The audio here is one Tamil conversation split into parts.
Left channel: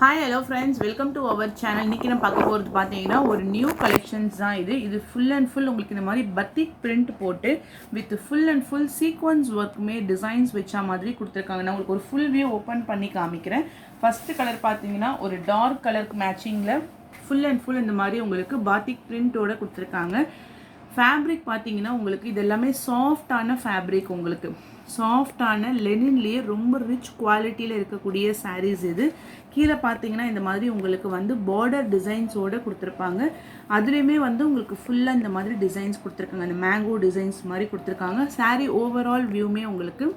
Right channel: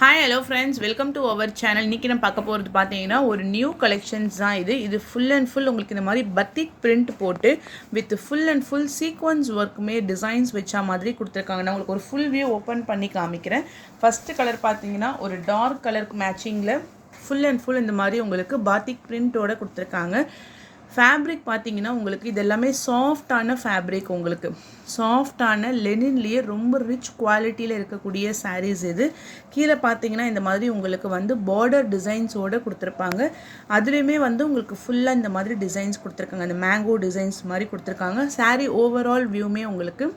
Hi hello friends, welcome to our channel. இன்றைக்கி நான் பார்க்க போகிறது பார்த்தீங்கன்னா ஒரு நியூ கலெக்ஷன்ஸ் தான் இது ஃபுல் அண்ட் ஃபுல் உங்களுக்கு இந்த மாதிரி பத்திக் பிரிண்ட் போட்டு with full and full sequins ஒர்க்குமே டிசைன்ஸ் வச்ச மாதிரி கொடுத்துருக்காங்க. நான் உங்களுக்கு ஒரு ஃபுல் வியூ ஓப்பன் பண்ணி காமிக்கிறேன். ஃபஸ்ட்டு கலர் பார்த்தீங்கன்னா ஒரு டார்க் கலருக்கு மேட்சிங்கில் ஃபுல் அண்ட் ஃபுல் இந்த மாதிரி உங்களுக்கு பாத்திக் பிரிண்ட்டோட கொடுத்துருக்காங்க. ஃபேப்ரிக் பார்த்தீங்கன்னா உங்களுக்கு இது எல்லாமே சாஃப்டான ஃபேப்ரிக், உங்களுக்கு சாஃப்டான லெனின்லேயே ரொம்ப ரிச் குவாலிட்டியில் இருக்கக்கூடிய சாரீஸ் இது. கீழே பார்த்தீங்கன்னா இந்த மாதிரி உங்களுக்கு வந்து பார்டர் டிசைன்ஸோடு கொடுத்துருப்பாங்க. அதுலேயுமே வந்து உங்களுக்கு ஃபுல்லாக இந்த மாதிரி டிசைன்ஸ் கொடுத்துருக்காங்க. அந்த மேங்கோ டிசைன்ஸ் மாதிரி கொடுத்துருக்காங்க. சாரீ ஓவரால் வியூமே உங்களுக்கு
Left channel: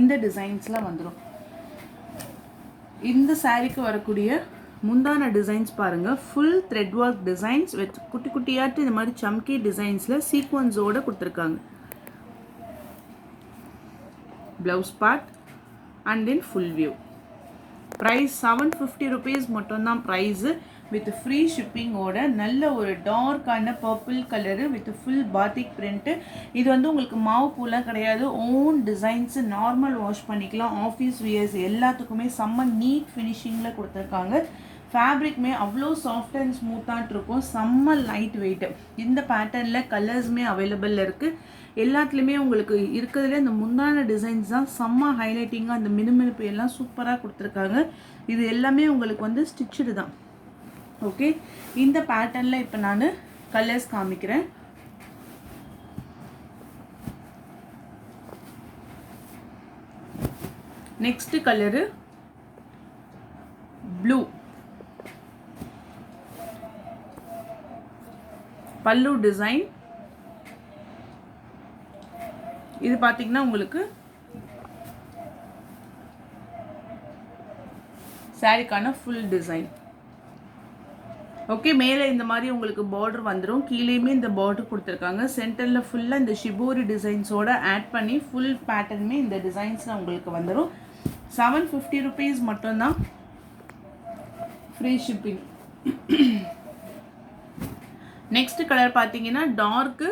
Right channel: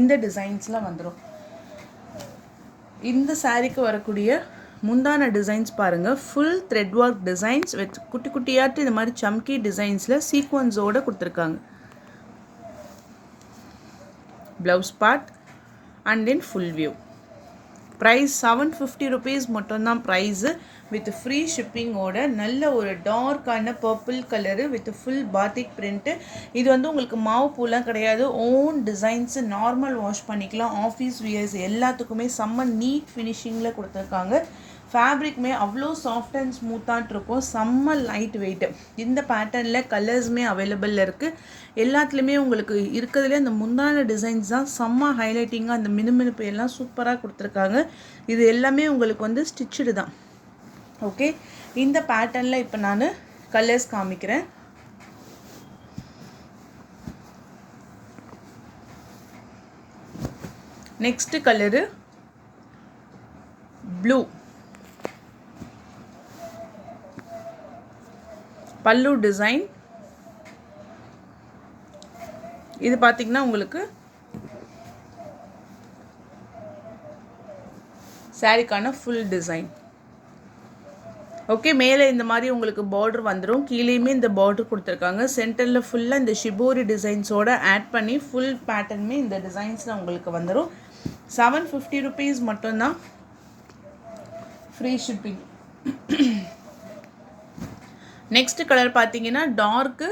இந்த டிசைன்ஸில் வந்துடும். இந்த சாரீக்கு வரக்கூடிய முந்தான டிசைன்ஸ் பாருங்கள், full thread work designs with குட்டி குட்டியாட்டு இந்த மாதிரி சம்கி டிசைன்ஸில் சீக்வன்ஸோடு கொடுத்துருக்காங்க. Blouse part and then full view. Price 750 rupees மட்டும்தான் ப்ரைஸு, வித் ஃப்ரீ ஷிப்பிங்கோட. நல்ல ஒரு டார்க்கான purple colour with full batik print. இது வந்து உங்களுக்கு மாவு பூலாம் கிடையாது, ஓன் டிசைன்ஸு, நார்மல் வாஷ் பண்ணிக்கலாம். ஆஃபீஸ் வியர்ஸ் எல்லாத்துக்குமே செம்ம நீட் ஃபினிஷிங்கில் கொடுத்துருக்காங்க. ஃபேப்ரிக்மே அவ்வளோ சாஃப்ட் அண்ட் ஸ்மூத்தாக இருக்கும், செம்ம லைட் வெயிட்டு. இந்த பேட்டர்னில் கலர்ஸுமே அவைலபிள் இருக்குது. எல்லாத்துலேயுமே உங்களுக்கு இருக்கிறதுலே இந்த முந்தான டிசைன்ஸ் தான் செம்ம ஹைலைட்டிங்காக, அந்த மினுமினுப்பு எல்லாம் சூப்பராக கொடுத்துருக்காங்க. இது எல்லாமே உங்களுக்கு வந்து ஸ்டிச்சுடு தான். ஓகே, இந்த பேட்டர்னில் இப்போ நான் கலர்ஸ் காமிக்கிறேன். Next colour blue. பல்லு டிசைன் இது பார்த்தீங்கன்னா உங்களுக்கு சாரிக்கான ஃபுல் டிசைன். ஓகே, மேலே இந்த மாதிரி உங்களுக்கு பார்டர் வந்துடும், கீழேயுமே இந்த பார்டர் கொடுத்துருக்காங்க. சென்டரில் ஃபுல்லாக இந்த ஷிபோரி டிசைன்ஸோடு ஆட் பண்ணி ஃபுல் பேட்டர்னுமே இந்த டிசைன்ஸில் உங்களுக்கு வந்துடும். 750 rupees மட்டும்தான், ஃப்ரீ ஷிப்பிங். நெக்ஸ்ட் கலர் பார்த்தீங்கன்னா dark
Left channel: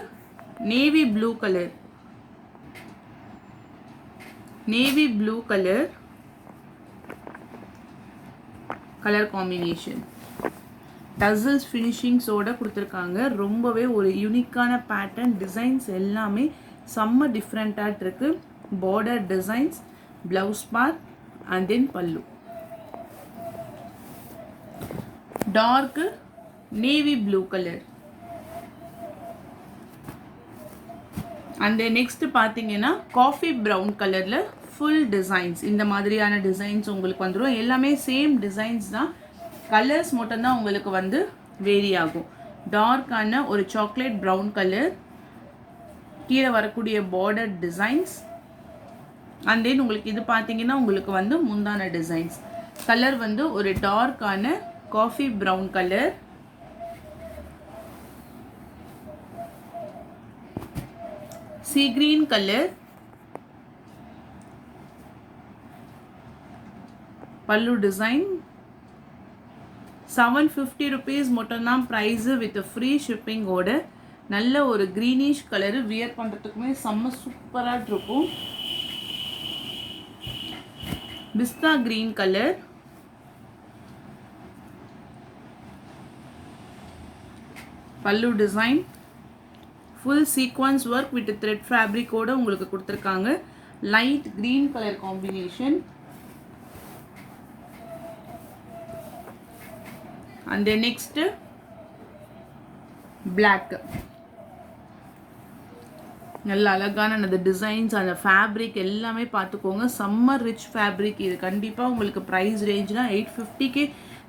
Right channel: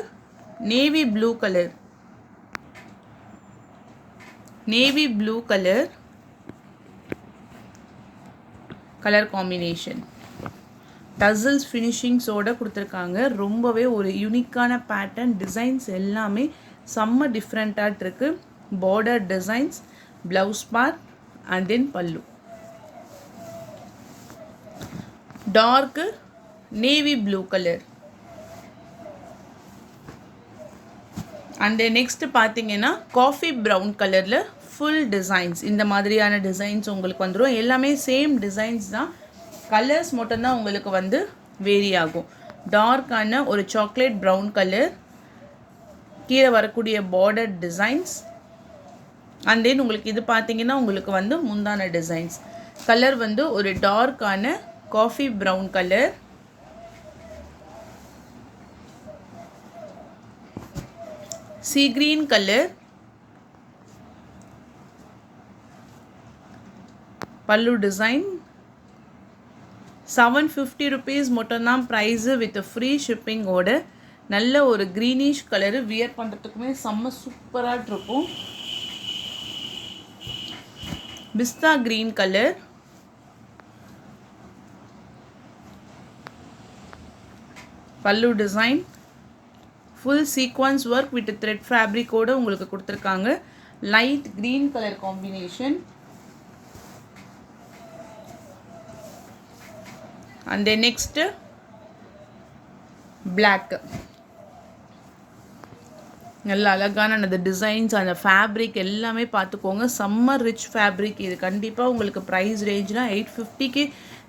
navy blue colour. Navy blue colour combination tassels ஃபினிஷிங்ஸோட கொடுத்துருக்காங்க. ரொம்பவே ஒரு யூனிக்கான பேட்டர்ன், டிசைன்ஸ் எல்லாமே செம்ம டிஃப்ரெண்ட்டாக இருக்கு. Border designs, blouse part and then pallu. Dark navy blue colour. And next பார்த்தீங்கன்னா காஃபி ப்ரௌன் கலரில் ஃபுல் டிசைன்ஸ். இந்த மாதிரியான டிசைன்ஸ் உங்களுக்கு வந்துடும். எல்லாமே சேம் டிசைன்ஸ் தான், கலர்ஸ் மட்டும்தான் உங்களுக்கு வந்து வேரி ஆகும். டார்க்கான ஒரு சாக்லேட் ப்ரௌன் கலர், கீழே வரக்கூடிய பார்டர் டிசைன்ஸ். அண்ட் தென் உங்களுக்கு இது பார்த்தீங்கன்னா உங்களுக்கு வந்து முந்தான டிசைன்ஸ். கலர் வந்து ஒரு டார்க்கான coffee brown colour, sea green colour, pallu design. 750 rupees மட்டும்தான் ப்ரைஸு, வித் ஃப்ரீ ஷிப்பிங்கோட. நல்ல ஒரு க்ரீனிஷ் கலரு, வியர் பண்ணுறதுக்குமே செம்ம சூப்பராக இருக்கும். Pista green colour, pallu design, full sequins work with thread ஃபேப்ரிக்கோடு உங்களுக்கு கொடுத்துருக்காங்க. Light green colour combination. And next black. நல்ல அழகான அந்த டிசைன்ஸ், அந்த ஃபேப்ரிக் எல்லாமே பார்த்துக்கோங்க. செம்ம ரிச் ஃபேப்ரிக் இது. கண்டிப்பாக உங்களுக்கு ப்ரைஸ் ரேஞ்ச்னால் 850க்கு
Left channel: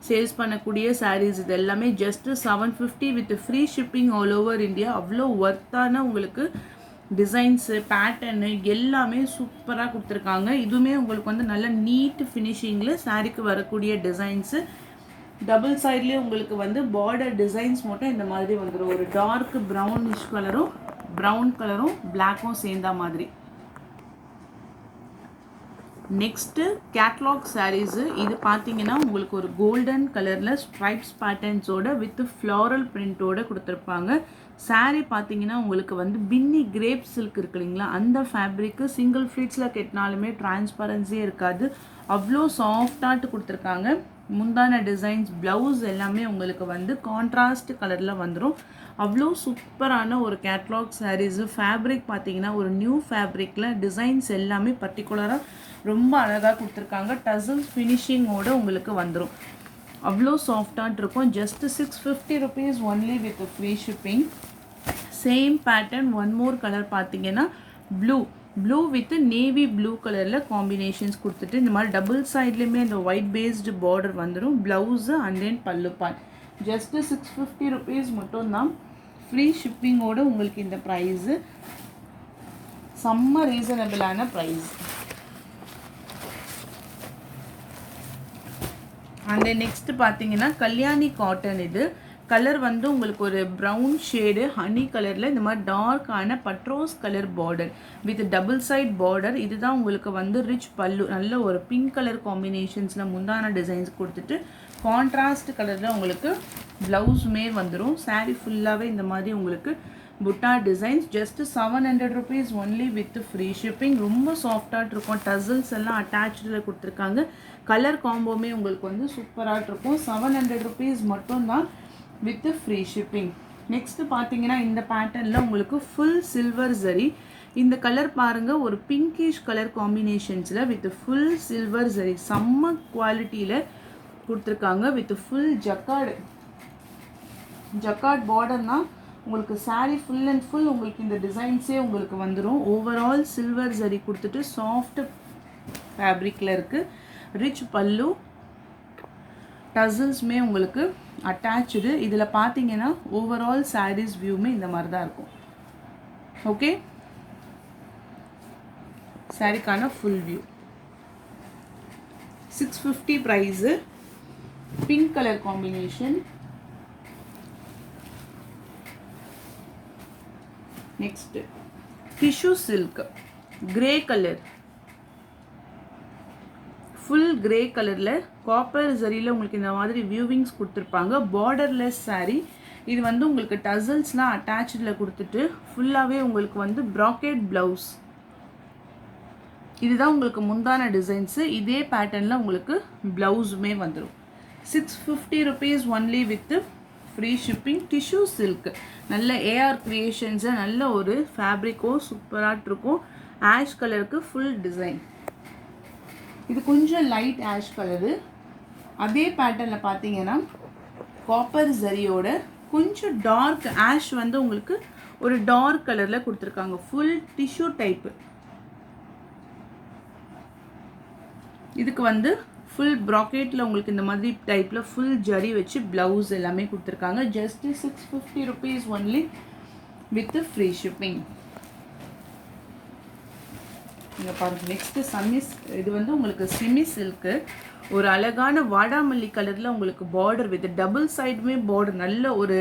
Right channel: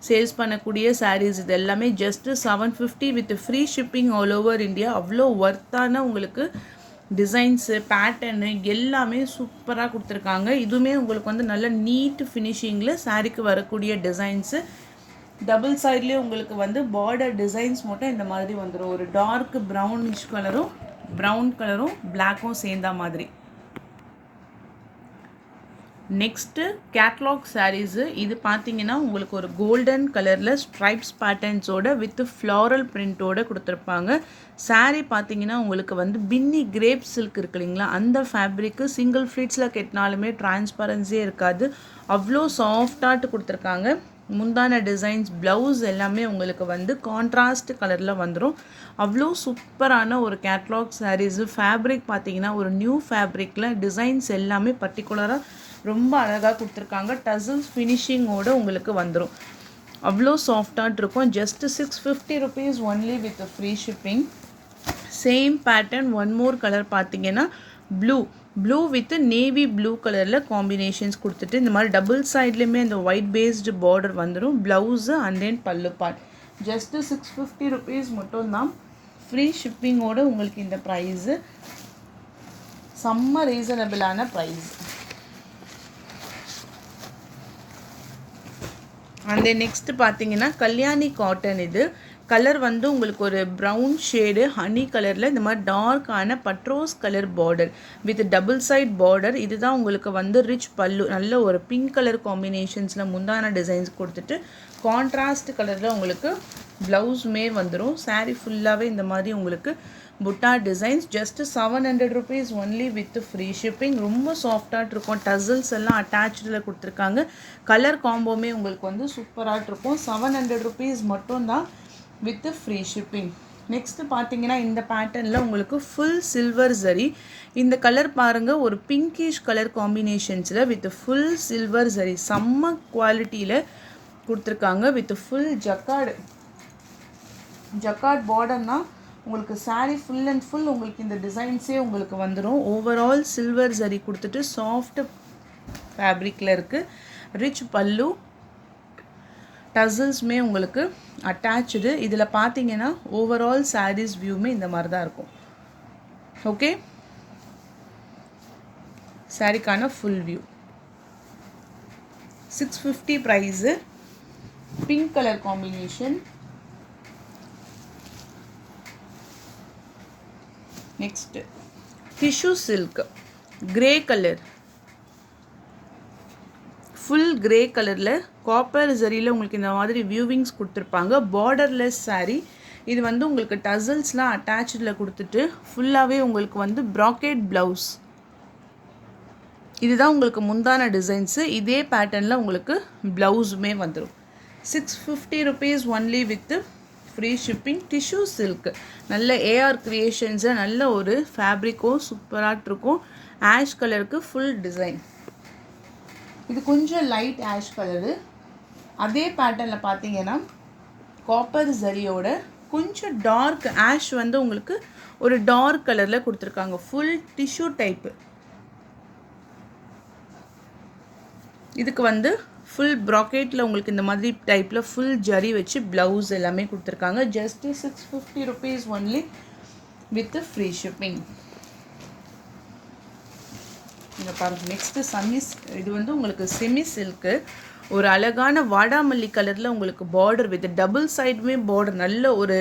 சேல்ஸ் பண்ணக்கூடிய சாரீஸ் இது எல்லாமே just 750 with free shipping all over India. அவ்வளோ ஒர்த்தான உங்களுக்கு டிசைன்ஸு, பேட்டர்னு எல்லாமே சூப்பராக கொடுத்துருக்காங்க. இதுவுமே உங்களுக்கு வந்து நல்ல நீட் ஃபினிஷிங்கில் சாரீக்கு வரக்கூடிய டிசைன்ஸு. டபுள் சைட்லேயே உங்களுக்கு வந்து பார்டர் டிசைன்ஸ் மட்டும் இந்த மாதிரி வந்துடும். ஒரு டார்க் ப்ரௌனிஷ் கலரும் ப்ரௌன் கலரும் பிளாக்கும் சேர்ந்த மாதிரி. Next catalogue saris. இது பார்த்தீங்கன்னா உங்களுக்கு ஒரு கோல்டன் கலரில் ஸ்ட்ரைப்ஸ் பேட்டர்ன்ஸோட வித் ஃப்ளாரல் பிரிண்ட்டோட கொடுத்துருப்பாங்க. சாரீ பார்த்தீங்கன்னா உங்களுக்கு வந்து பின்னி கிரேப் சில்க் இருக்கு இல்லைங்களா, அந்த ஃபேப்ரிக்கு சிங்கிள் ஃப்ளீட்ஸில் கெட்டினாலுமே டிரான்ஸ்பரன்சியே இருக்காது, அவ்வளோ சாஃப்டாட்டு கொடுத்துருக்காங்க. முந்தான டிசைன்ஸ், ப்ளவுஸ் எல்லாமே உங்களுக்கு வந்து கான்ட்ராஸ்ட் கலரில் வந்துடும். அவ்வளோ சூப்பரான ஒரு கேட்லாக் சாரீஸு. ஃபேப்ரிக் பார்த்தீங்கன்னா ஒரு நியூ ஃபேப்ரிக்கில் டிசைன்ஸ் எல்லாமே பர்டிகுலராக ரொம்ப அழகாக கொடுத்துருக்காங்க. டசல்ஸ் ஃபினிஷிங்கோடு உங்களுக்கு வந்துடும். அவ்வளோ சாஃப்டாக இருக்கும். Just 650 rupees only with free shipping. Same pattern one more colour பார்த்தீங்கன்னா ப்ளூ வித் நேவி ப்ளூ கலரில் காம்பினேஷன்ஸ் கொடுத்துட்டு இந்த மாதிரி டபுள் சைட்லேயுமே இந்த ஒயிட் பேஸ்டு பார்டர் வந்துடும். ப்ளவுஸு அண்ட் தென் பல்லு பார்ட். ஜஸ்ட்டு 650 rupees மட்டும்தான். ஃப்ரீ ஷிப்பிங்கோடு உங்களுக்கு இந்த ப்ரைஸு செம்ம ரீசனபிளான ப்ரைஸ். அந்த நெக்ஸ்ட் பார்த்தீங்கன்னா கல்யாணி காட்டன். இது கலர் வந்து உங்களுக்கு ஒரு ப்ரௌன் ஷேடு ஹனி கலரில் இந்த மாதிரி டார்க்கான பட்ரோஸ் colour border with double side border. இதுதான் உங்களுக்கு வந்து ரிச் பல்லு. நல்ல ஒரு பிங்க் கலர் காம்பினேஷன்ஸில் முந்தான டிசைன்ஸ் கொடுத்துட்டு கான்ட்ராஸ்ட் கலரில் உங்களுக்கு ப்ளவுஸுமே வந்துடும். சாரீ ஃபுல்லாகவே இந்த மாதிரி உங்களுக்கு புட்டா designs. Just 700 rupees only with free shipping. ரொம்ப சாஃப்டாக இருக்கும். டசல்ஸ் எல்லாம் அட்டாச்சில் கொடுத்துருக்காங்க. கலர் காம்போமே உங்களுக்கு வந்து சூப்பராக இருக்கும். 700 rupees மட்டும்தான் வித் ஃப்ரீ ஷிப்பிங். நெக்ஸ்ட்டு பார்த்தீங்கன்னா இந்த பேட்டர்னில் உங்களுக்கு ஃபுல் சில்வர் ஜரி. இந்த கலர் பாருங்கள், ஒரு பிங்கிஷ் கலர் காம்பினேஷன்ஸில் வித் ஃபுல் சில்வர் ஜரி செம்ம குவாலிட்டியில் கொடுத்துருக்காங்க. வித் ஃபுல் ஜக்கார்ட் பார்டர் தான் உங்களுக்கு சாரீ ஃபுல் அண்ட் ஃபுல் உங்களுக்கு இந்த டிசைன்ஸே உங்களுக்கு வந்துடும். ஓவரால் சில்வர் ஜரி கொடுத்துட்டு சாஃப்ட் ஃபேப்ரிக்கில் இருக்குது. ரிச் பல்லு, டசல்ஸுமே உங்களுக்கு அட்டாச்சு. இதில் பார்த்தீங்கன்னா ஓவரால் சாரீஸ் வியூமே இந்த மாதிரி தான் இருக்கும். ஓகே, சாரிக்கான full view 650 price. Pink colour combination. Next tissue silk grey colour, full grey கலரில் காப்பர் ஜரியில் உங்களுக்கு இந்த மாதிரி வியூவிங்ஸ் கொடுத்துருப்பாங்க. பார்டர்லெஸ் சாரீ. இது வந்து உங்களுக்கு டசல்ஸ்லாம் அட்டாச்சில் கொடுத்துட்டு ஃபுல்லாகவே உங்களுக்கு வந்து ப்ராக்கெட் ப்ளவுஸ். இதுதான் உங்களுக்கு முந்தான டிசைன்ஸு. இதே பேட்டர்னில் உங்களுக்கு ப்ளவுஸுமே வந்துடும். 650 rupees only with free shipping. Tissue silk நல்ல ஏஆர் கிரியேஷன்ஸு. நல்ல ஒரு ஃபேப்ரிக்கும் சூப்பராக இருக்கும். ஆஷ் கலருக்கு ஃபுல் டிசைன். இது கொஞ்சம் லைட் ஆஷ் கலரு. அதே பேட்டர்னில் பார்த்தீங்கன்னா காப்பர் ஜரியோட கொஞ்சம் டார்க் ஆஷ் வந்து உங்களுக்கு ஒரு டார்க் கலரில் கொடுத்துருக்காங்க. Full tissue type. இதுக்கு வந்து ஃபுல் ப்ராக்கெட்டில் உங்களுக்கு இந்த மாதிரி டைப்பில் ஃபுல் ஜரி வச்சு ப்ளவுஸ் எல்லாமே கொடுத்துருக்காங்க. Just 650 rupees only with free shipping. இங்கே பாருங்கள். நெக்ஸ்ட்டு சம்மிஸ். இது வந்து உங்களுக்கு செமி சில்க்கு. ஒரு அழகான வாடாமல்லி கலரில் உங்களுக்கு பார்டர் வித் டபுள் சைடுமே பார்டர். நல்ல ஒரு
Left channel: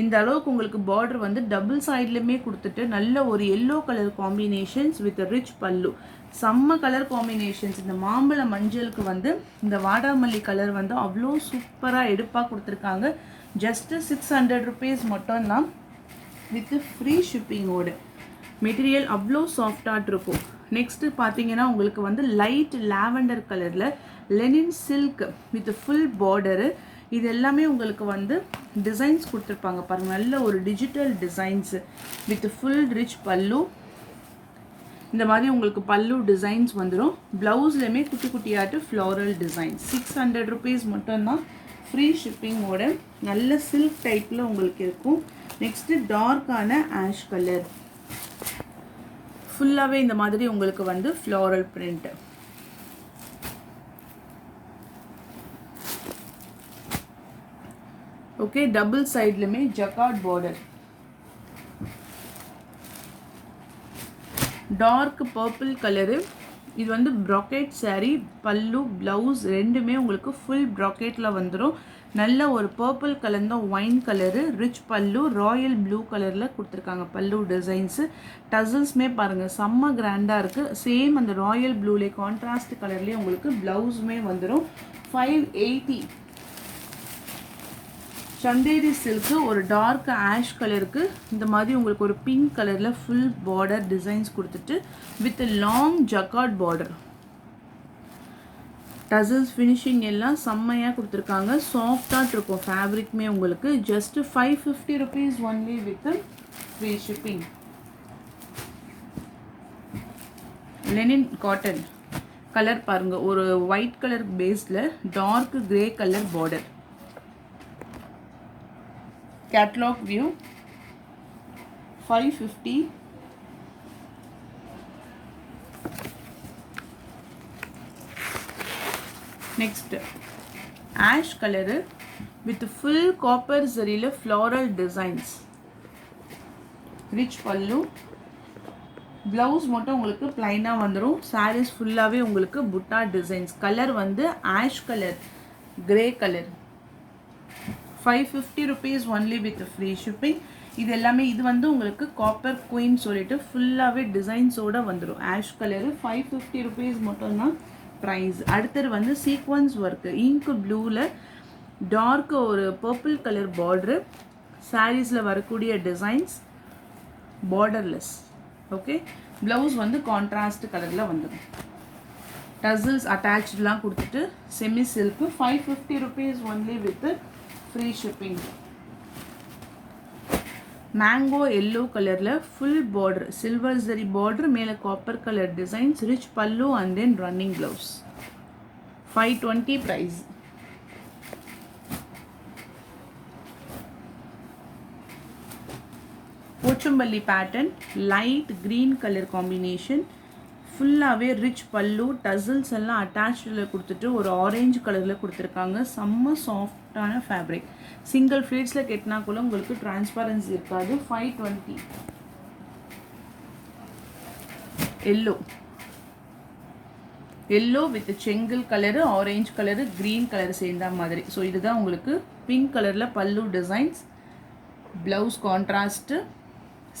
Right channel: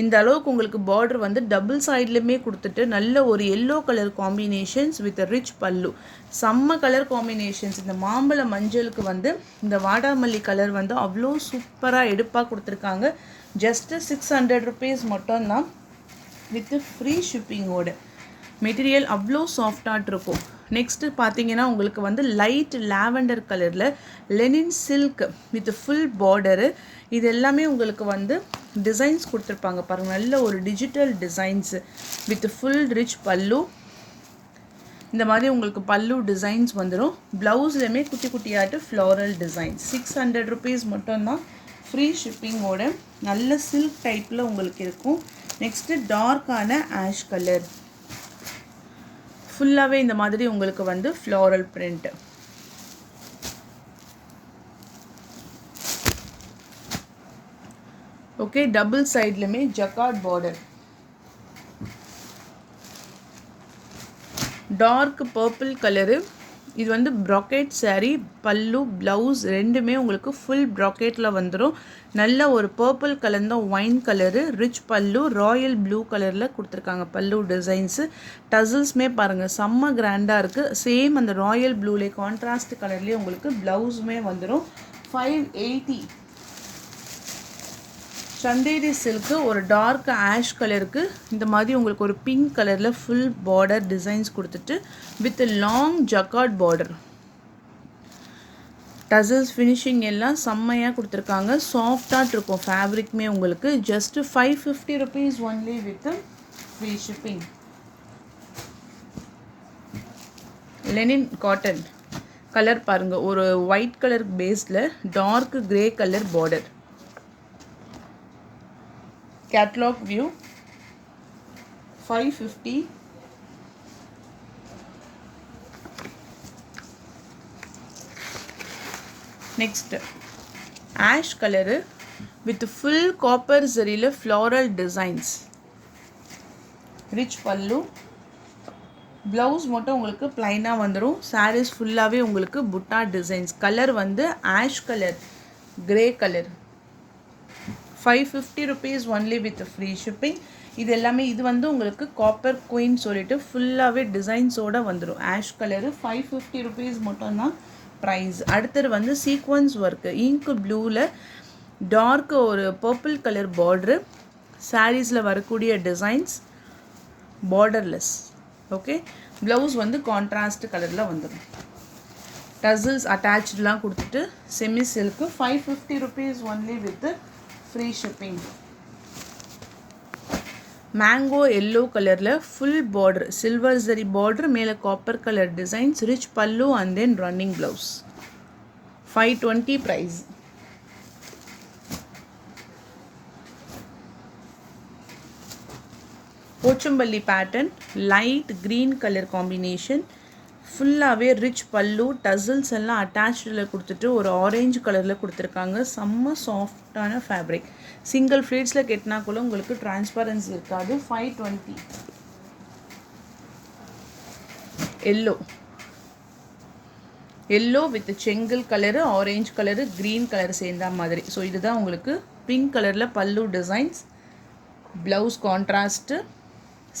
இந்த அளவுக்கு உங்களுக்கு பார்டர் வந்து டபுள் சைட்லேயுமே கொடுத்துட்டு நல்ல ஒரு yellow colour combinations with rich பல்லு. செம்ம கலர் காம்பினேஷன்ஸ். இந்த மாம்பழ மஞ்சளுக்கு வந்து இந்த வாடாமல்லி கலர் வந்து அவ்வளோ சூப்பராக எடுப்பாக கொடுத்துருக்காங்க. ஜஸ்ட்டு 600 rupees மட்டும்தான் வித் ஃப்ரீ ஷிப்பிங்கோட. மெட்டீரியல் அவ்வளோ சாஃப்டாக இருக்கும். நெக்ஸ்ட்டு பார்த்தீங்கன்னா உங்களுக்கு வந்து லைட் லாவெண்டர் கலரில் linen silk with full border. இது எல்லாமே உங்களுக்கு வந்து டிசைன்ஸ் கொடுத்துருப்பாங்க பாருங்கள். நல்ல ஒரு digital designs with full rich pallu. இந்த மாதிரி உங்களுக்கு பல்லு டிசைன்ஸ் வந்துடும். ப்ளவுஸ்லையுமே குட்டி குட்டியாட்டு ஃப்ளாரல் டிசைன். 600 rupees மட்டும்தான் ஃப்ரீ ஷிப்பிங்கோட. நல்ல சில்க் டைப்பில் உங்களுக்கு இருக்கும். நெக்ஸ்ட்டு டார்க்கான ஆஷ் கலர். ஃபுல்லாகவே இந்த மாதிரி உங்களுக்கு வந்து ஃப்ளாரல் பிரிண்ட். ஓகே, டபுள் சைட்லையுமே jacquard border. Dark purple colour. இது வந்து brocade saree, பல்லு ப்ளவுஸ் ரெண்டுமே உங்களுக்கு ஃபுல் brocade வந்துடும். நல்ல ஒரு பர்பிள் கலந்த ஒயின் கலரு, ரிச் பல்லு, ராயல் ப்ளூ கலரில் கொடுத்துருக்காங்க பல்லு டிசைன்ஸு. டசல்ஸ்மே பாருங்கள் செம்ம கிராண்டாக இருக்குது. சேம் அந்த ராயல் ப்ளூலே கான்ட்ராஸ்ட் கலர்லேயே உங்களுக்கு ப்ளவுஸுமே வந்துடும். 580. சந்தேரி சில்க்கு ஒரு டார்க் ஆஷ் கலருக்கு இந்த மாதிரி உங்களுக்கு ஒரு பிங்க் கலரில் ஃபுல் பார்டர் டிசைன்ஸ் கொடுத்துட்டு with long jacquard border. Tassels finishing எல்லாம் செம்மையாக கொடுத்துருக்காங்க. சாஃப்டாக இருக்கும் ஃபேப்ரிக்மே உங்களுக்கு. Just 550 rupees only with free shipping. Linen cotton கலர் பாருங்கள், ஒரு ஒயிட் கலர் பேஸில் dark grey colour border. Catalog view 550. Next ash color with full copper zari floral designs. Rich pallu, blouse மட்டும் உங்களுக்கு plain வந்துரும். sarees ஃபுல்லாவே உங்களுக்கு butta designs. color வந்து ash color, grey color. 550 rupees only with free shipping. இது எல்லாமே இது வந்து உங்களுக்கு காப்பர் குயின் சொல்லிட்டு ஃபுல்லாகவே டிசைன்ஸோடு வந்துடும். ஆஷ் கலரு 550 rupees மட்டும்தான் ப்ரைஸ். அடுத்தது வந்து சீக்வன்ஸ் ஒர்க்கு இங்க் ப்ளூவில் டார்க் ஒரு பர்பிள் கலர் பார்டரு, சாரீஸில் வரக்கூடிய டிசைன்ஸ் பார்டர்லெஸ். ஓகே, ப்ளவுஸ் வந்து கான்ட்ராஸ்ட் கலரில் வந்துடும். டசல்ஸ் அட்டாச்லாம் கொடுத்துட்டு semi silk 550 rupees only with free shipping. Mango yellow கலரில் full border, silver zari border, மேலே copper colour designs, rich pallu and then running blouse. 520 price. Pochampally pattern light green colour combination, ஃபுல்லாகவே ரிச் பல்லு, டசல்ஸ் எல்லாம் அட்டாச்சில் கொடுத்துட்டு ஒரு ஆரஞ்சு கலரில் கொடுத்துருக்காங்க. செம்ம சாஃப்டான ஃபேப்ரிக். சிங்கிள் ஃப்ளீட்ஸில் கெட்டினா கூட உங்களுக்கு டிரான்ஸ்பரன்சி இருக்காது. 520. எல்லோ எல்லோ வித் செங்கல் colour, orange colour, green colour சேர்ந்த மாதிரி. ஸோ இதுதான் உங்களுக்கு பிங்க் கலரில் பல்லு டிசைன்ஸ், ப்ளவுஸ் கான்ட்ராஸ்ட்டு,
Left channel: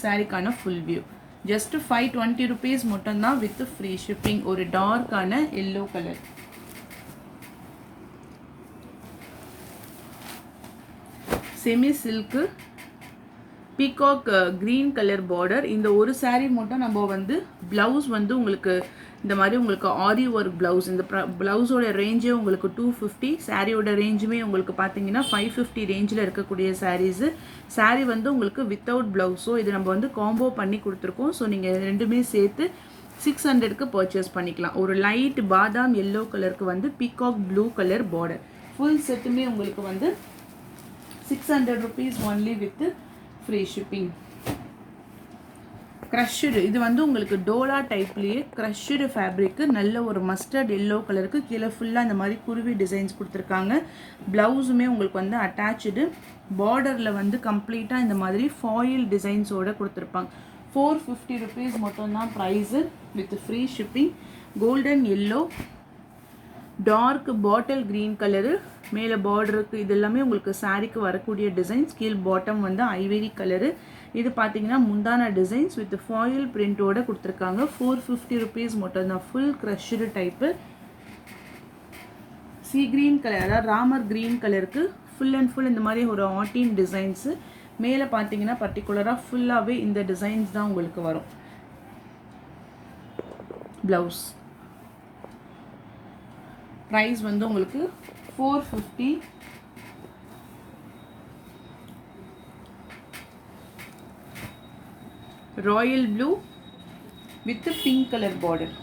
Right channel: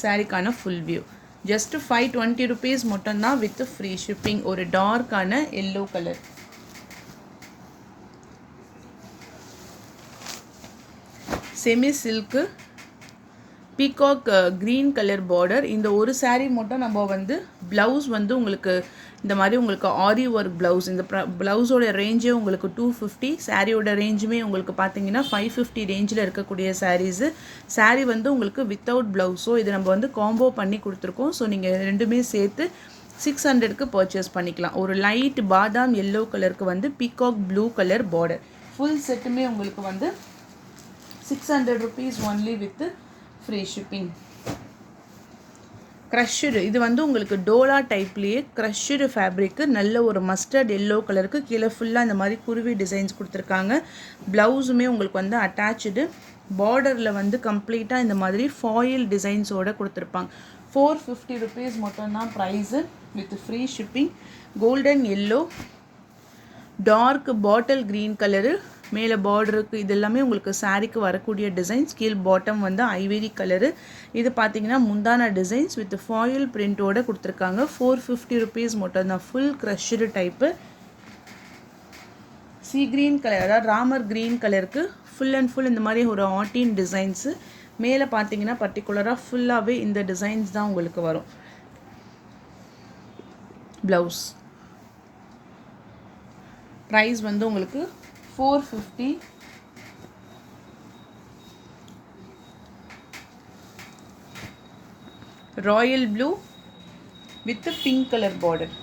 சாரிக்கான ஃபுல் வியூ. ஜஸ்ட் 520 rupees மட்டும்தான் வித் ஃப்ரீ ஷிப்பிங். ஒரு டார்க்கான yellow colour. Semi silk peacock green colour border. இந்த ஒரு saree மட்டும் நம்ம வந்து ப்ளவுஸ் வந்து உங்களுக்கு இந்த மாதிரி உங்களுக்கு ஆரி ஒர்க் ப்ளவுஸ். இந்த ப்ளவுஸோட ரேஞ்சே உங்களுக்கு 250. சாரியோட ரேஞ்சுமே உங்களுக்கு பார்த்தீங்கன்னா 550 ரேஞ்சில் இருக்கக்கூடிய சாரீஸு. சாரீ வந்து உங்களுக்கு வித்தவுட் ப்ளவுஸோ இது நம்ம வந்து காம்போ பண்ணி கொடுத்துருக்கோம். ஸோ நீங்கள் ரெண்டுமே சேர்த்து 600க்கு பர்ச்சேஸ் பண்ணிக்கலாம். ஒரு லைட் பாதாம் எல்லோ கலருக்கு வந்து peacock blue colour border. Full செட்டுமே உங்களுக்கு வந்து 600 rupees only with free shipping. Crushed இது வந்து உங்களுக்கு டோலா டைப்லேயே க்ரஷ்டு ஃபேப்ரிக்கு, நல்ல ஒரு மஸ்டர்ட் எல்லோ கலருக்கு கீழே ஃபுல்லாக இந்த மாதிரி குருவி டிசைன்ஸ் கொடுத்துருக்காங்க. ப்ளவுஸுமே உங்களுக்கு வந்து அட்டாச்சு, பார்டரில் வந்து கம்ப்ளீட்டாக இந்த மாதிரி ஃபாயில் டிசைன்ஸோடு கொடுத்துருப்பாங்க. 450 rupees மட்டும்தான் price with free shipping. Golden yellow, dark bottle green colour, மேலே பார்டருக்கு இது எல்லாமே உங்களுக்கு சாரீக்கு வரக்கூடிய டிசைன்ஸ். கீழ் பாட்டம் வந்து ஐவரி கலரு. இது பார்த்தீங்கன்னா முந்தான டிசைன்ஸ் வித் ஃபாயில் பிரிண்டோடு கொடுத்துருக்காங்க. 450 rupees மட்டும்தான். Full crushed type sea green colour, அதாவது ராமர் க்ரீன் கலருக்கு ஃபுல் அண்ட் ஃபுல் இந்த மாதிரி ஒரு ஆட்டின் டிசைன்ஸு. மேலே பார்த்தீங்கன்னா பர்டிகுலராக ஃபுல்லாகவே இந்த டிசைன்ஸ் தான் உங்களுக்கு வரும். ப்ளவுஸ் ப்ரைஸ் வந்து உங்களுக்கு 450. Royal blue with pink colour border.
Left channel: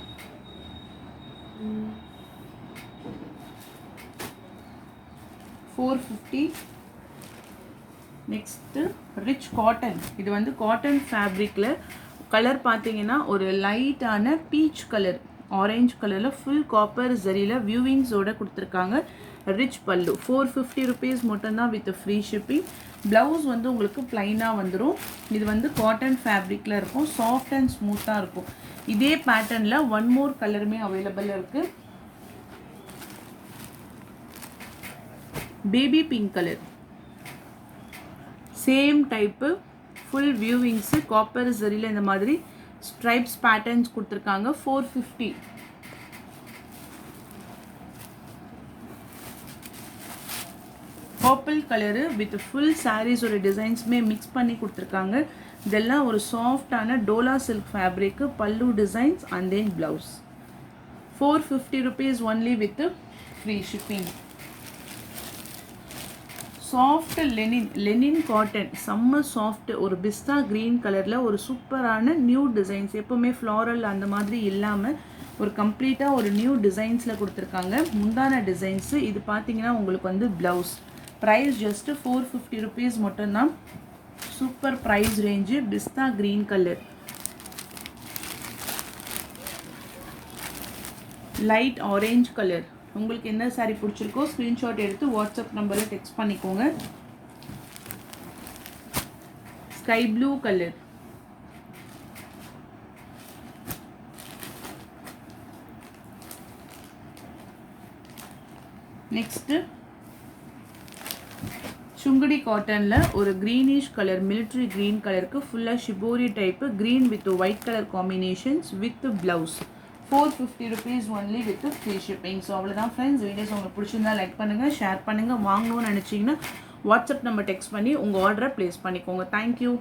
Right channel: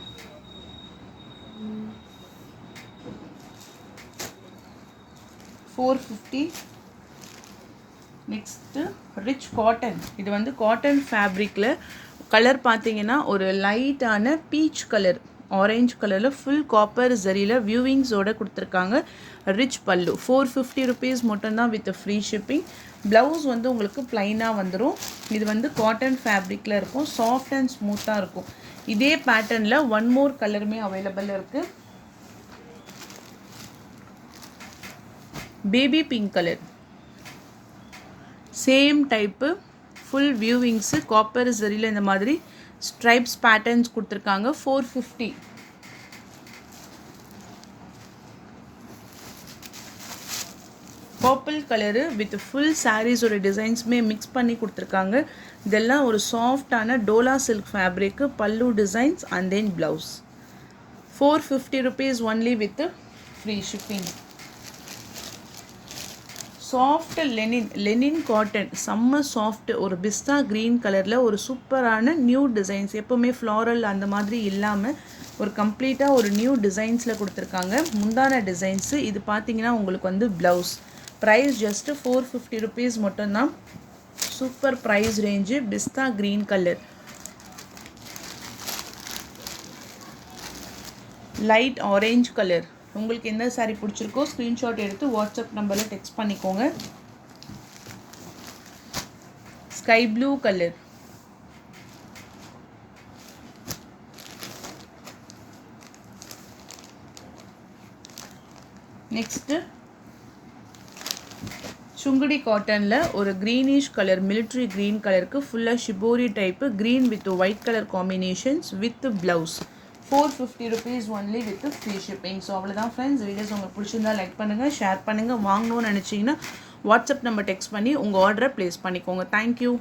$450. Next rich cotton. இது வந்து காட்டன் ஃபேப்ரிக்கில் கலர் பார்த்தீங்கன்னா ஒரு லைட்டான பீச் கலர், ஆரஞ்சு கலரில் ஃபுல் காப்பர் ஜரியில் வியூவிங்ஸோட கொடுத்துருக்காங்க. ரிச் பல்லு 450 rupees மட்டும்தான் வித் ஃப்ரீ ஷிப்பிங். ப்ளவுஸ் வந்து உங்களுக்கு ப்ளைனாக வந்துடும். இது வந்து காட்டன் ஃபேப்ரிக்கில் இருக்கும். சாஃப்ட் அண்ட் ஸ்மூத்தாக இருக்கும். இதே பேட்டர்னில் ஒன் மோர் கலருமே அவைலபிள் இருக்குது. Baby pink colour, same type, full weavings, copper ஜரியில் இந்த மாதிரி ஸ்ட்ரைப்ஸ் பேட்டர்ன்ஸ் கொடுத்துருக்காங்க. 450. பர்பிள் கலரு வித் ஃபுல் சாரீஸோட டிசைன்ஸுமே மிக்ஸ் பண்ணி கொடுத்துருக்காங்க. இதெல்லாம் ஒரு சாஃப்டான டோலா சில்க் ஃபேப்ரிக்கு. Pallu designs and then blouse. 450 rupees only with free shipping. Soft linen cotton, செம்ம சாஃப்ட், ஒரு பிஸ்தா க்ரீன் கலரில் ஒரு சூப்பரான நியூ டிசைன்ஸ். எப்போவுமே ஃப்ளாரல் அந்த மாதிரி இல்லாமல் ஒரு கம்ப்ளீட்டாக ஒரு நியூ டிசைன்ஸில் கொடுத்துருக்காங்க. முந்தான டிசைன்ஸு. இது பார்த்தீங்கன்னா உங்களுக்கு வந்து ப்ளவுஸ். ப்ரைஸ் ஜஸ்ட்டு 450 rupees மட்டும்தான். Super price range. Pista green colour, light orange colour. உங்களுக்கு என்ன சாரீ பிடிச்சிருக்கோ ஸ்க்ரீன்ஷாட் எடுத்து வாட்ஸ்அப் நம்பரில் டெக்ஸ்ட் பண்ணிக்கோங்க. Sky blue colour, next Sungudi காட்டனில் ஒரு க்ரீனிஷ் கலர், மிலிட்ரி க்ரீன் கலருக்கு ஃபுல்லாக shibori type, green with white colour combinations with blouse. 450 rupees only with free shipping. So அவ்வளோதான் ஃப்ரெண்ட்ஸ். வீடியோஸ் உங்களுக்கு பிடிச்சிருந்தா லைக் பண்ணுங்கள், ஷேர் பண்ணுங்கள். வாங்கணும்னு நினச்சிங்கன்னா வாட்ஸ்அப் நம்பர் டெக்ஸ்ட் பண்ணி உங்கள் ஆர்டரை ப்ளேஸ் பண்ணிக்கோங்க. தேங்க்யூ.